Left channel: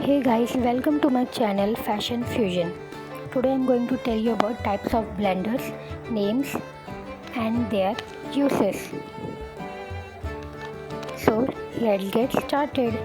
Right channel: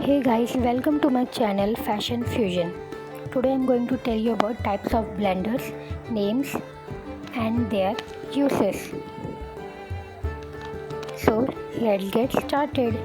Hey guys, welcome to my channel Fashion Fusion. Today I'm going to tell you about types of blenders, names and their uses. So let's get started.